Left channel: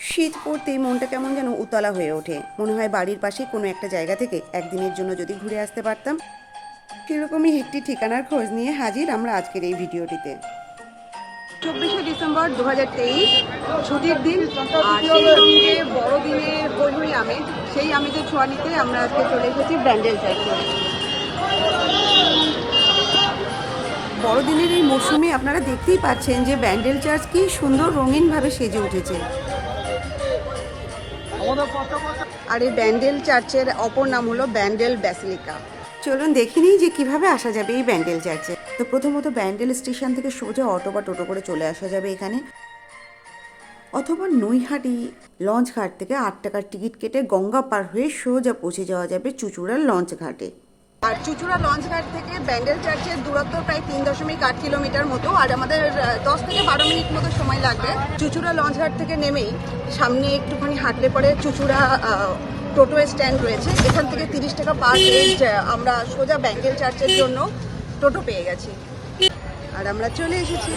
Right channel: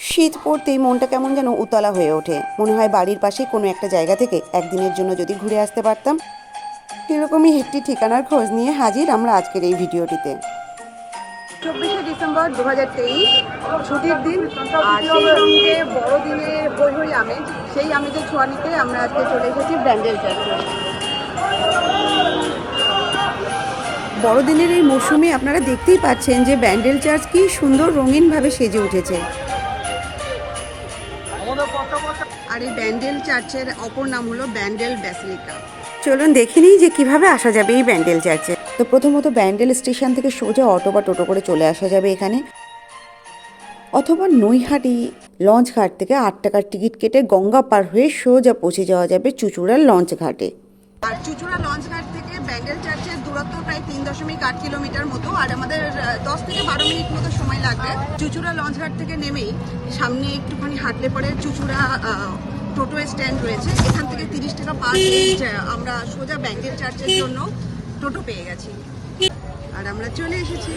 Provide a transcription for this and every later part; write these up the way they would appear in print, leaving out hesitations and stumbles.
শীত পড়তেই মনটা কেমন যেন উতলা হয়ে ওঠে। মনে হয় বাড়ির পাশে কোনো একটা জায়গা থেকে একদিনের জন্য যদি ঘুরে আসতে পারতাম। সেরকমই একটি ঠিকানার খোঁজ নিয়ে হাজির আমরা আজকের এই ভিডিওটিতে। 24শে ডিসেম্বর 2023, ছুটির দিন, আর সেই সঙ্গে বড়দিনের হই হই আমেজ। সেই আমেজের ছোঁয়া নিতে আমরা আজকে চলে এসেছি ব্যান্ডেল চার্চে। বড়দিনের এই মরশুমে আপনারা দেখতেই পাচ্ছেন যে ব্যান্ডেল চার্চ কি সুন্দর রঙিনভাবে সেজে উঠেছে। আর এই ব্যান্ডেল চার্চের অপর নাম হলো ব্যান্ডেল ব্যাসিলিকা। চলুন দেখে নিই যে কিভাবে আসা যাবে এই ব্যান্ডেল চার্চে। তো প্রথমত ব্যান্ডেল স্টেশন থেকে সোজা অটো বা টোটো করে চলে আসা যাবে এখানে, অথবা নৈহাটি লঞ্চ ঘাট থেকে 8 টাকার টিকিট কেটে গঙ্গা পার হয়ে সোজা পৌঁছে যাওয়া যাবে চুঁচুড়ার লঞ্চ ঘাটে। আর চুঁচুড়া লঞ্চ ঘাট থেকে ব্যান্ডেল চার্চের দূরত্ব প্রায় 3.8 কিলোমিটার মতো, আর আমাদের 10 থেকে 12 মিনিট মতো সময় লাগবে। চুঁচুড়া লঞ্চ ঘাট থেকে নেমেই সামনে একটুখানি হাঁটলে পরে চুঁচুড়া টোটো স্ট্যান্ড রয়েছে। এখান থেকে 30 টাকা পার হেড আমরা সোজা ব্যান্ডেল চার্চের জন্য টোটো পেয়ে গেছি, আর আমরা চলে এসেছি।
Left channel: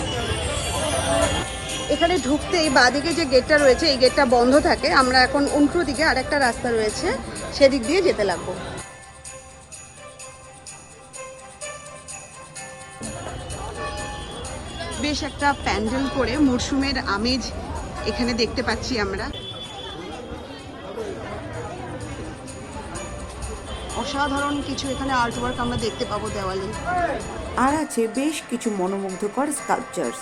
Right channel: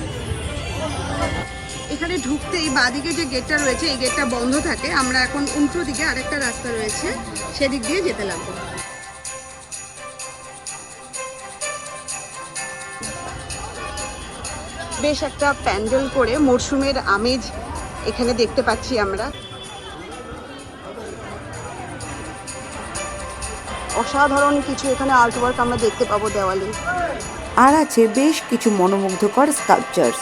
এখানে ঢুকতেই বাঁদিকে যে গেটটা রয়েছে এই গেটটা বন্ধ থাকে। আমরা এখন উল্টো দিকে আরেকটা রাস্তা রয়েছে, সেদিক দিয়ে যেতে লাগবো। বেশ একটা প্যান্ডেল করে মরশুমের আমেজ এখানে দেখতে পাচ্ছি আমরা। অসাধারণ কিছু এখানে আর্ট ওয়ার্ক আমরা দেখতে পাবো দেওয়ালে, আর আছে বেশ কিছু মনোমুগ্ধকর স্কাল্পচার্স।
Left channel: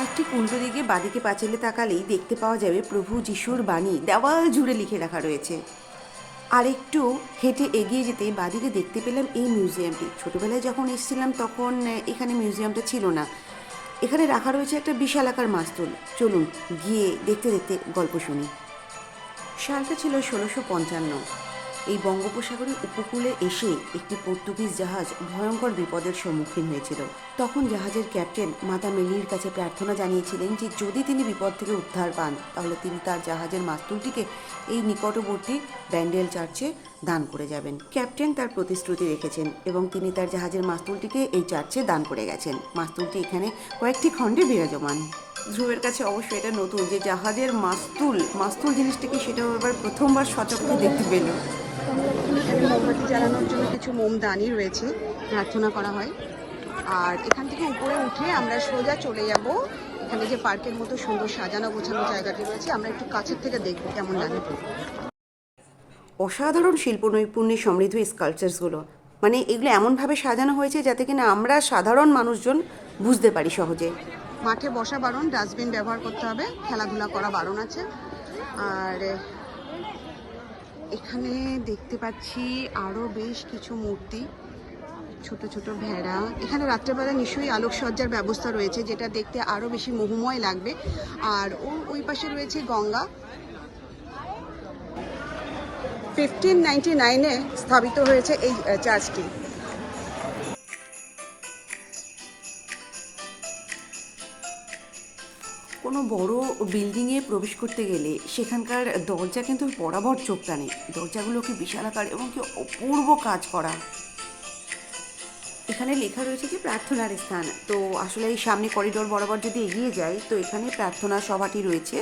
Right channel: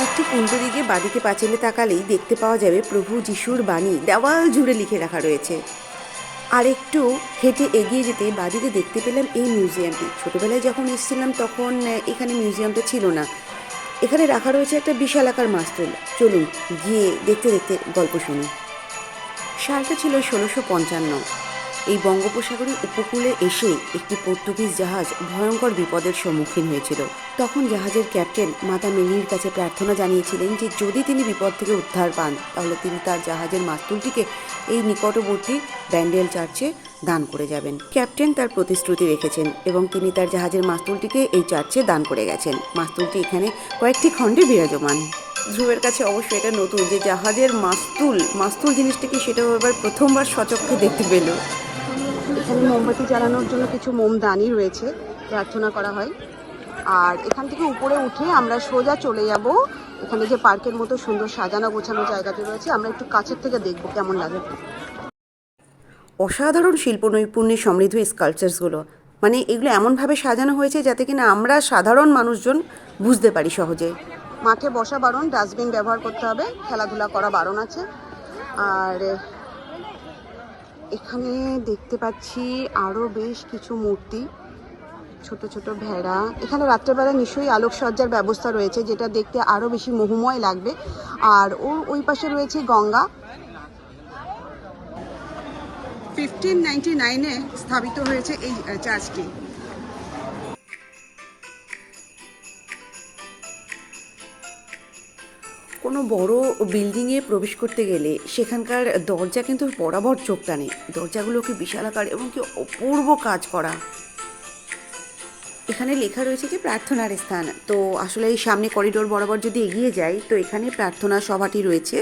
আর ঠিক উল্টো দিকে বাঁদিকে পাঁচিলে তাকালেই দেখতে পাওয়া যাবে প্রভু যিশুর বাণী দেওয়াল জুড়ে লিখে রাখা রয়েছে। আর একটু হেঁটে এগিয়ে যেতে বাঁদিকে দেখতে পেলাম এই মিউজিয়ামটি। ছোটোবেলায় যখন এসেছিলাম তখন এখানে মিউজিয়ামটা ছিল না। এখানে রাখা রয়েছে একটা বিশাল আকার মাস্তুল। চলুন গিয়ে দেখতে দেখতে গল্প শুনি। সালটা ছিল 1655। এই বঙ্গোপসাগরের উপকূলে এসে একটি পর্তুগিজ জাহাজ ভয়ঙ্কর বিপদের সম্মুখীন হয়েছিল। তখন জাহাজের ক্যাপ্টেন মাতা মেরির কাছে প্রার্থনা জানিয়েছিলেন যে যদি তিনি বিপদ থেকে উদ্ধার পান তাহলে তিনি তার জাহাজের মাস্তুলটিকে এই নিকটবর্তী ব্যান্ডেল চার্চে দান করে যাবেন। ক্যাপ্টেন তার প্রতিশ্রুতি রেখেছেন এবং তিনি তার জাহাজের মাস্তুলটিকে এই চার্চে দান করে গেছেন। মাস্তুলটি এখানে কয়েকটি খণ্ডে বিরাজমান। ধ্রুবের কাছে অবশ্যই এটা নতুন যে জাহাজের মাস্তুল জিনিসটাকে সেটাও এবার প্রথমবার সচক্ষে দেখতে পেল। এখানে মোমবাতি জ্বালানোর জন্য কিছু মোমদানি রয়েছে, প্রার্থনা করা হয়। আর এখান থেকে উপরে উঠে আমরা সোজা চলে যাব এখানে যে পার্কের মতো সুন্দর সাজানো গোছানো জায়গাটি রয়েছে, আমরা একটু কাছের থেকে দেখব কেমন লাগে। অসাধারণ শিল্প নৈপুণ্যে সমৃদ্ধ এই স্কাল্পচার্সগুলো, মানে এগুলো এমনভাবে সাজানো হয়েছে যাতে কিনা আমরা সাধারণ মানুষজন বুঝতে পারি সহজে। মাঠে বসা বারণ, ডাস্টবিন ব্যবহার করতে হবে, খেলাধুলা করা বারণ আছে। আর এখানে দেখতে পাচ্ছি আরও বেশ কিছু মূর্তি, ছোট ছোট ভেড়া। এখানে রাত্রেবেলা নিশ্চয়ই আলোকসজ্জার ব্যবস্থা রয়েছে যেটা দেখতে আরও বেশি মোহময় লাগবে। আর ওই পাশে রয়েছে গঙ্গা। 1599-এ স্থাপিত হয়েছে এই চার্চটি। কোনো বড় বিল্ডিংয়ে প্রবেশ করতে গেলে সেখানকার দরজা কিন্তু বরাবর চোখ টানে। দরজাগুলো কি বিশালাকার এবং কি অপূর্ব কাজ করা। এখানে লেখা রয়েছে যে প্রার্থনার স্থান। তো আসলে এই সামনে করিডোর বরাবর যদি এগিয়ে যাই তো এখানে প্রার্থনা সভাটি রয়েছে,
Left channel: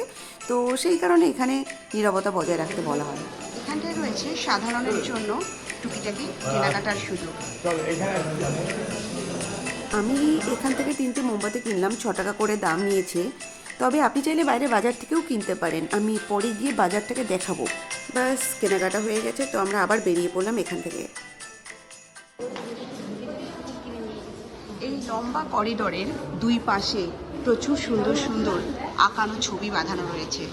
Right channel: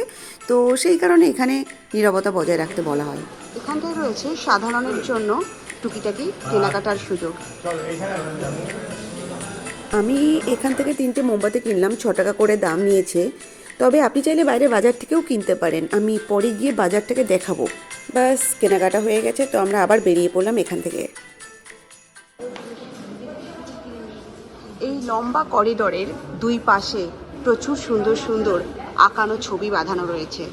তো সেই কারণে এখানে নীরবতা বজায় রাখতে বলা হয়। এখানটায় রয়েছে সাধারণের জন্য টুকিটাকি কেনাকাটার সুযোগ। আমি এখান থেকে 3টে মোমবাতি কিনলাম, 6 টাকা করে দাম নিয়েছে। তবে আপনি চাইলে বাইরে বাজার থেকেও কিনতে পারেন, আমি পরে গিয়ে বাজারটাকে দেখাবো। বাস কেনাকাটা হয়ে গেছে, তো আমরা আবার বেরিয়ে পড়লাম এখান থেকে। এই লম্বা করিডোরের দুই পাশে প্রচুর সুন্দর সুন্দর আঁকানো ছবি বাঁধানো রয়েছে,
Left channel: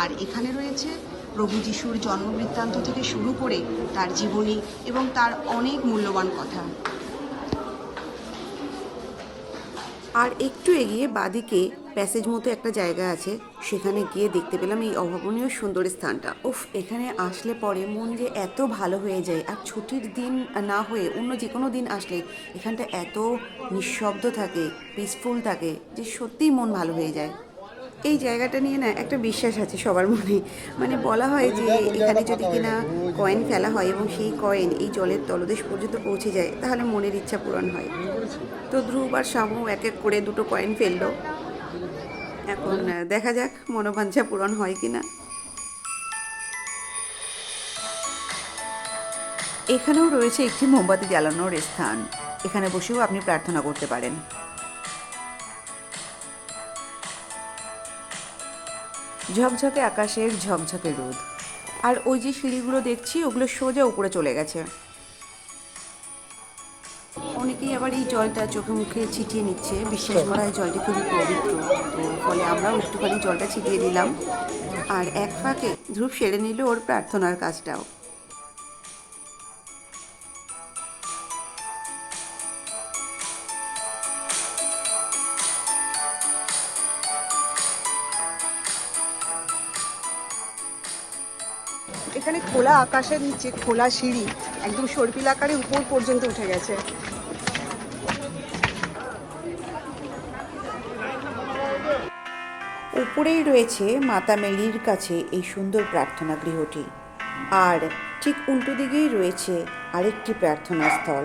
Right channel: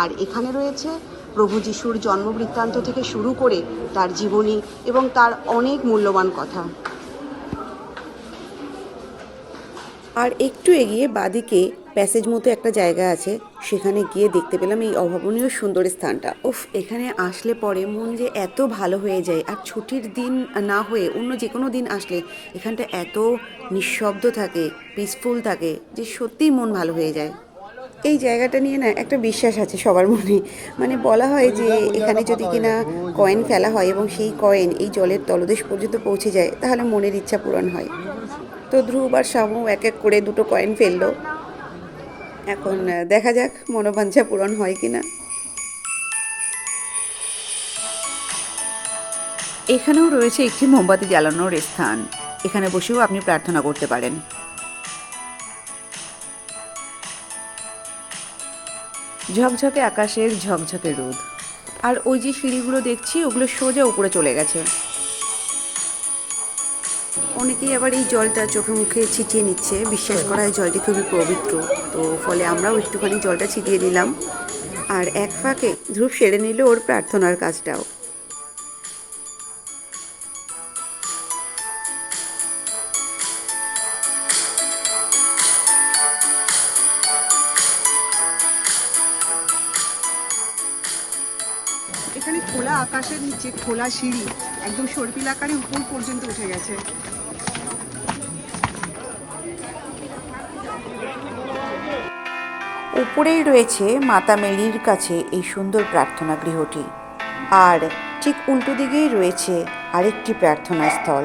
আর এখানে রয়েছে প্রভু যিশুর জন্মবৃত্তান্ত থেকে শুরু করে তার জীবনী এবং তার অনেক মূল্যবান কথা। আর একটু এগিয়ে বাঁদিকে প্যাসেজ মতো একটা জায়গা আছে, সেখানে গিয়ে দেখতে পেলাম এই অভাবনীয় সুন্দর স্থানটা। উফ, এখানে আসলে পরে মন যে এত ভালো হয়ে যায়। আর ছুটির দিন না হয়ে অন্য যে কোনো দিন আসলে এখানটা এত নিঃশব্দ থাকে, পিসফুল থাকে যে সত্যিই মন ভালো হয়ে যায়। এই জায়গাটা নিয়ে না একটা বিশ্বাস আছে সবার মনে, মানে বলা হয় যে এখানে যদি কিনা কয়েন ফেলা হয় এবং সেই কয়েন এই জলের তলদেশ পর্যন্ত পৌঁছে যায় তাহলে মনের ইচ্ছা পূরণ হয়। তো ধ্রুব আর শামু এক এক করে দুটো কয়েন ফেললো। এখন দেখা যাক মনোবাঞ্ছা পূরণ হয় কিনা। এখানেও রয়েছে একটি মোমবাতি জ্বালানোর স্থান, এখানে বসেও আপনি প্রার্থনা করতে পারেন। ঝকঝকে আকাশের ঝকঝকে রোদ, আর ওই যে সিঁড়িগুলো দেখছি ওগুলো সোজা উপরে চলে গেছে। অনেকেই আবার এই জলটা চোখে মুখে ছিটিয়ে নিচ্ছে, বিশ্বাস করা হয় জলটি খুবই পবিত্র। তো ফলে আমরাও একটুখানি জলটা ছিটিয়ে দিলাম, আর এক ফাঁকে ধ্রুব সেরে নিল ওর প্রার্থনার কাজটাও। এখানে খোলা আকাশের নিচে খোলা সিঁড়ি একদম সর্পিল আকারে উপর পর্যন্ত উঠে গেছে। উপরেই রয়েছে মাতা মেরির কাছে এই সুন্দর প্রার্থনা গৃহটি, আর ঠিক উল্টো দিকেই রয়েছে আরেকটি প্রার্থনা স্থল।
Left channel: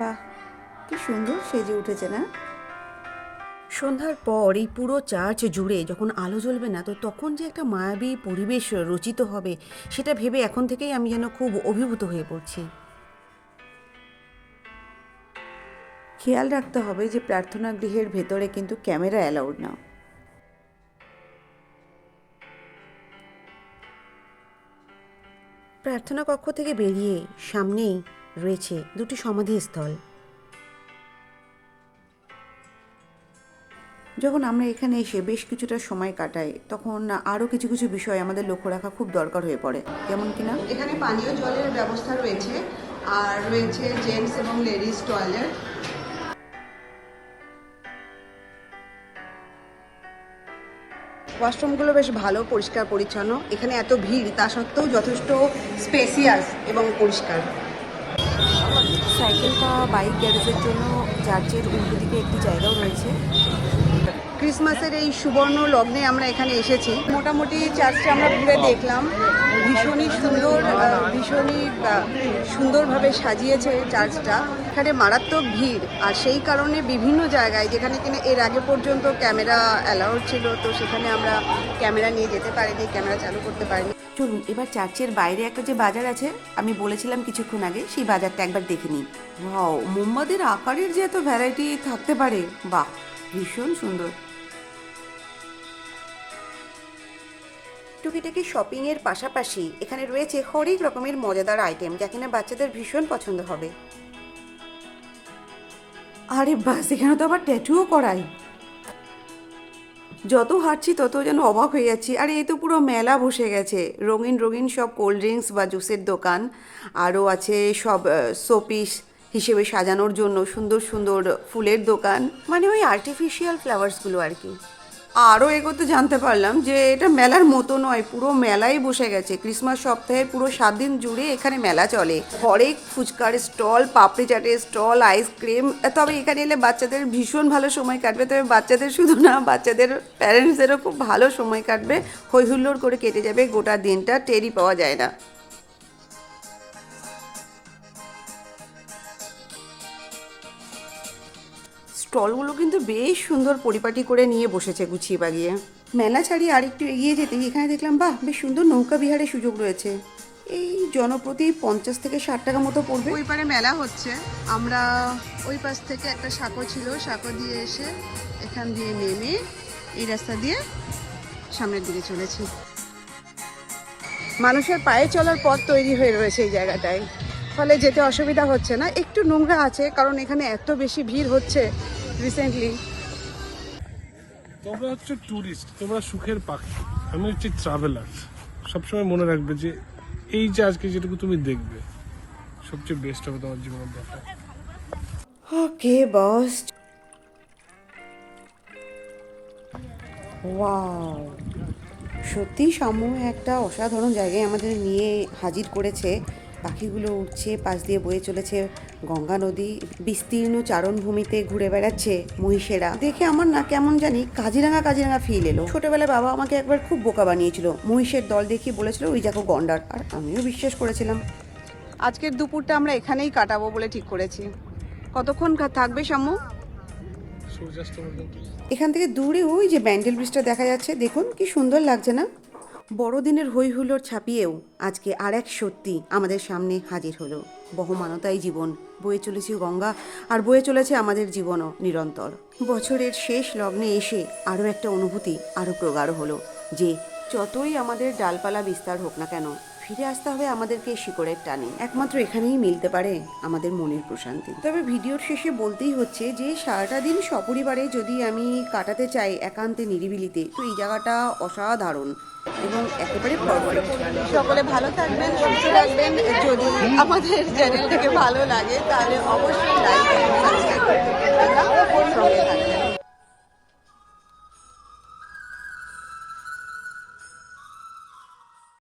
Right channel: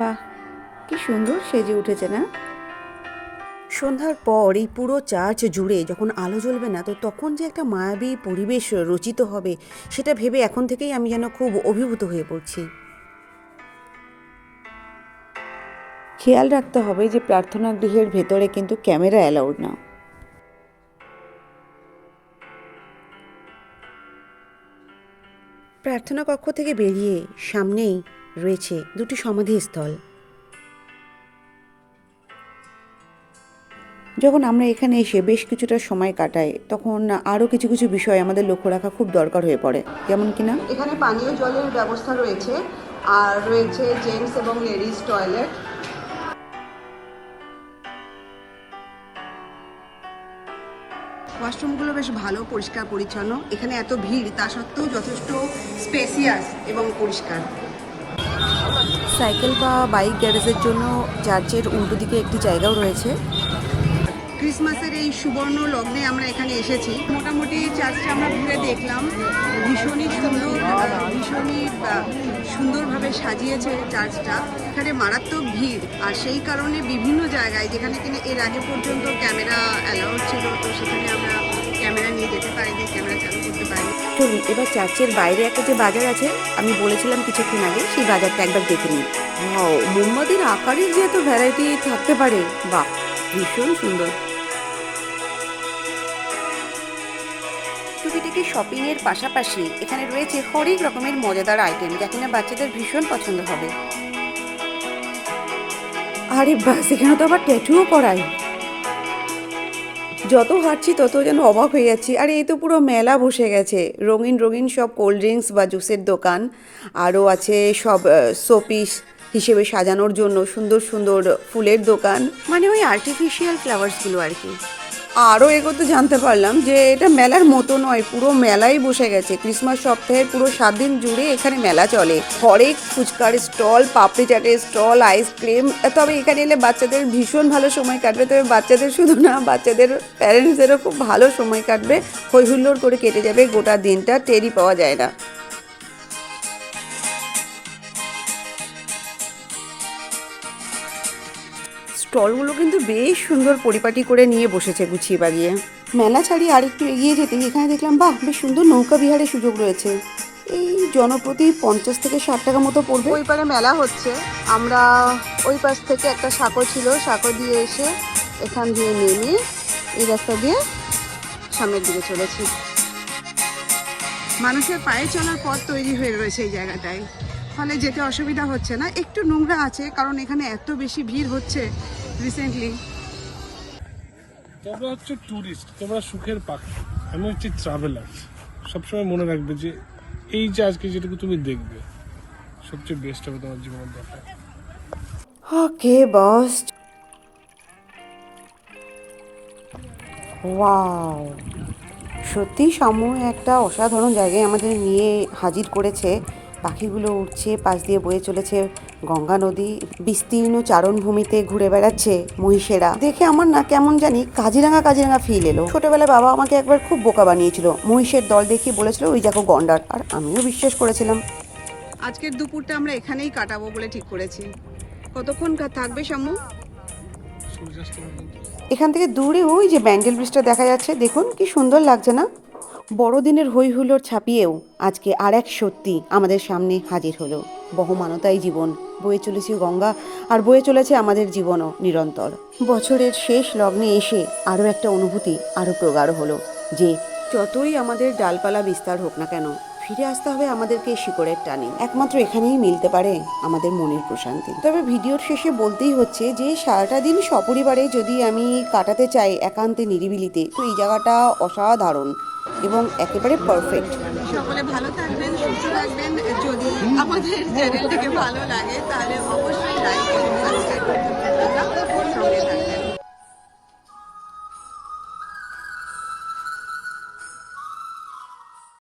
বাহ, কি সুন্দর সেজে উঠেছে না? সন্ধ্যার পর এই পুরো চার্চ জুড়ে যখন আলো জ্বলবে না, তো তখন যে একটা মায়াবী পরিবেশ রচিত হবে সেটা ভেবে এখন থেকেই আমি যেন খুব অভিভূত হয়ে পড়ছি। খেয়াল রাখতে হবে যে প্রার্থনা গৃহের ভেতরে কিন্তু ক্যামেরা অ্যালাউড না। প্রার্থনা কক্ষ থেকে বেরিয়ে সামনেই রয়েছে দুটি সমাধিস্থল। যখন আমরা এখানে এসে বেশ কিছুটা সময় কাটাই তখন আরও কিছু কিছু বিষয় আমাদের লক্ষ্য রাখা খুব দরকার হয়ে পড়ে, যেমন কিনা এখানে পানীয় জলের ব্যবস্থা রয়েছে, আর রয়েছে জেন্টস এবং লেডিস টয়লেট। ওয়াশরুমগুলো বেশ ভালো, পরিষ্কার পরিচ্ছন্ন। এখানে এত ভিড় তা সত্ত্বেও যথেষ্ট স্পেসিয়াস এবং পরিষ্কার। সাইকেল বা বাইক গ্যারেজের জন্য চার্চের উল্টো দিকে একটি জায়গাও রয়েছে। ক্রিসমাসের এই সুবর্ণ লগ্নে আমরা এখানে এসেছি। মোটামুটি চার্চটা আমরা ঘুরে দেখলাম, ভীষণই সুন্দর, ভীষণই সুন্দরভাবে সাজিয়েছে চার্চটা। এখানে মারাত্মক ভিড়, আর সেই কারণে বিভিন্ন জায়গায় যেখানে কিনা এর আগে পর্যন্ত ক্যামেরা অ্যালাউড ছিল, তো সেখানে আমরা ক্যামেরা নিয়ে যেতে পারিনি, ক্যামেরা চালু করতে পারিনি। চলুন এবার চার্চের বাইরে একটা যে বাজার আছে, আমি বলেছিলাম কিছুক্ষণ আগে, সেই বাজারটা একবার দেখে নিই। ওয়াও, মোমবাতির আকারের যে এত ভ্যারাইটি থাকতে পারে, বাহ, ভীষণ সুন্দর। টুকিটাকি শপিংয়ের পাশাপাশি এখানে রয়েছে হরেক রকমের মজাদার আইটেম, যা কিনা বাচ্চাদের ভীষণ পছন্দ হবে। আরে বাস, এখানে তো আবার ট্যাটুও করায়। যত হাঁটছি তত যেন অবাক হয়ে যাচ্ছি। আরে এই তো পুরো মেলা বসে গেছে, রঙিন রঙিন সব কোল্ড ড্রিঙ্কস বা জুসের দোকান, আরও আছে সব শোপিস হিসেবে সাজানোর জন্য সুন্দর সুন্দর ফুলের দোকান, মানে ওই আর্টিফিশিয়াল ফ্লাওয়ার্সগুলো আর কি। আরও এগোতে জানতে পারলাম যে এটা মেলার মতো নয়, পুরো মেলাই বসে গেছে। ক্রিসমাস সপ্তাহের পুরো 7 দিন জুড়ে এখানে মেলা চলে। হরেক ফুচকার স্টল, পাপড়ি চাটের স্টল, আইসক্রিম। তবে এখানে এলে বাচ্চাদের ভীষণ ভালো সময় কাটবে। তবে বাচ্চাদের শুধু না, বাচ্চাদের প্যারেন্টসদেরও খুব ভালো সময় কাটবে। হই হুল্লোড় করে কেটে যাবে গোটা দিনটা, টেরই পাওয়া যায় না। স্টলগুলো কিন্তু বেশ সুন্দর পরিপাটি করে নিয়ে বসেছে গুছিয়ে বাগিয়ে। মেলা ছাড়িয়ে আর একটু এগিয়ে যেতেই এখানে দেখলাম, বাহ, বেশ সুন্দর নৌকা বিহারের সুযোগ রয়েছে। এই জনপ্রতি 50 থেকে 60 টাকা মতো পড়বে। ওই পারে মেলা হচ্ছে, আমরা ওই পাশ থেকে একটা সাঁকো ছিল, সাঁকো দিয়ে এসে এখান দিয়ে নেমে এই রাস্তা দিয়ে সামনের দিকে চলেছি। মানুষের পায়ে চলার পথ তৈরি হয়ে রয়েছে এই জায়গাটায়, ফলে যেতে অসুবিধা হচ্ছে না। একটু নোংরা আছে কারণ এখানে এত বেশি ভিড় হচ্ছে রিসেন্টলি। তোমরা হচ্ছে ট্যুরিস্ট, তোমরা সুখের পাখি, আমি হচ্ছে ট্রাভেলার। সবসময় মনে রাখবে যে এই যে আজকে যেটুকু তুমি দেখবে সবচেয়ে বেস্ট হবে তোমার জীবনের দেখা। ওকে বস, ওয়াও, সত্যি সমূহ একটা অসাধারণ জায়গায় আমাদের নিয়ে হাজির করেছে। পাখিগুলো উঠছে, পাশ দিয়ে বয়ে চলেছে গঙ্গা নদী, বিস্তীর্ণ চারণভূমিতে ঘুরে বেড়াচ্ছে মহিষেরা। দেখে আমার না কেমন জানি কাজিরাঙা কাজিরাঙা ফিল এলো। ছোটবেলায় বাবা আমাকে একবার খুব বোকা বানিয়েছিল, মহিষের দল দেখিয়ে বলেছিল ওই দেখো গন্ডার, আর আমিও বিশ্বাস করেছিলাম। আজকের দুপুরটা আমরা এখানেই কাটাবো বলে ঠিক করেছি। কতক্ষণ থাকবে সম্মু? সূর্যাস্ত পর্যন্ত। এখান থেকে দূরে ওই যে ব্যান্ডেল ব্রিজটা দেখা যাচ্ছে, দেখুন কি সুন্দর লাগছে না? বড়দিনের হই হুল্লোড় ছাপিয়েও আজকে আর এক সত্যি আমাদের সামনে হাজির হলো। বহমানতাই জীবন, বয়ে চলেছে গঙ্গা, আর বয়ে চলেছে আমাদের জীবনও নিরন্তর। বছরের শেষ লগ্নে এসে আরও একটা অনুভূতি আরও প্রগাঢ় হলো যে যতই আমাদের ডালপালা বিস্তার হোক না কেন, ফিরে আসতে হবে আমাদেরকে শিকড়ের টানে। একমাত্র এখানেই মিলতে পারে আমাদের মনের প্রশান্তি। তবে ভিডিওর শেষে বলতেই হচ্ছে যে সারাটা দিন সপরিবারে যদি আমি কাটাতে চাই একান্তে নিরিবিলিতে, তো এই জায়গাটা অসাধারণ এবং একেবারে পারফেক্ট। সকলে ভালো থাকবেন, সুস্থ থাকবেন। যদি আমাদের চ্যানেলটিকে ভালো লাগে তাহলে অবশ্যই লাইক এবং সাবস্ক্রাইব করতে ভুলবেন না। সঙ্গে থাকবেন।